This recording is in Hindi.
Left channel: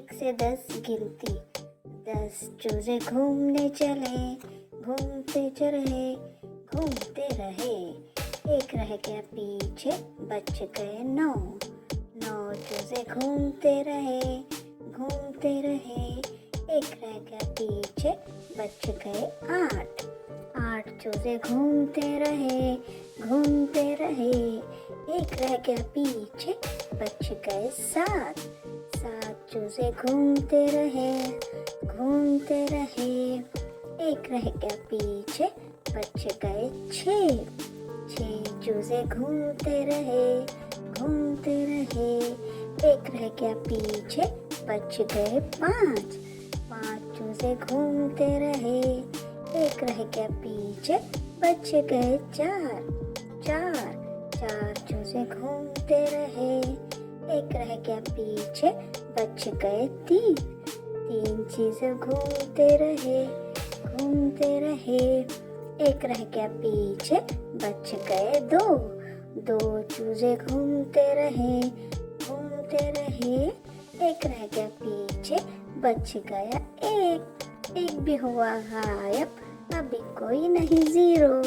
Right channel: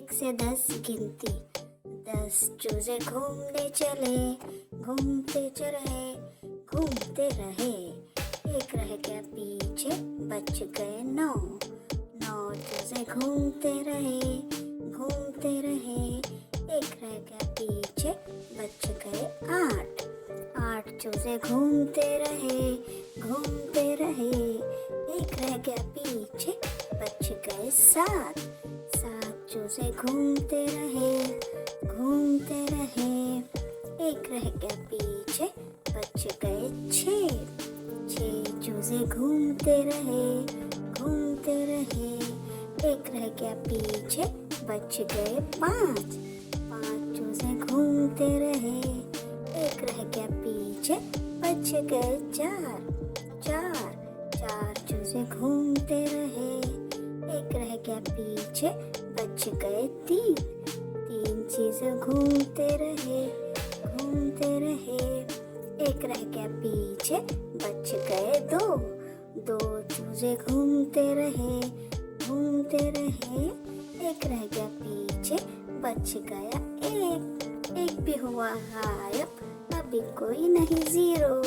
एक से 10 गिनती। 10 चूजे घूमने चले, घूमते रहे, घूमते रहे। एक रह गया पीछे, बच गए 9। 9 चूजे घूमते रहे, घूमते रहे। एक रह गया पीछे, बच गए 8। 8 चूजे घूमते रहे, घूमते रहे। एक रह गया पीछे, बच गए 7। 7 चूजे घूमते रहे, घूमते रहे। एक रह गया पीछे, बच गए 6। 6 चूजे घूमते रहे, घूमते रहे। एक रह गया पीछे, बच गए 5। 5 चूजे घूमते रहे, एक रह गया पीछे, बच गए 4। 4 चूजे घूमते रहे, एक रह गया पीछे, बच गए 3। 3 चूजे घूमते रहे, घूमते रहे। एक रह गया पीछे, बच गए 2। 2 चूजे घूमते रहे, घूमते रहे। एक रह गया पीछे, बच गया 1। 1 भी हुआ गायब, अभी कोई नहीं 0।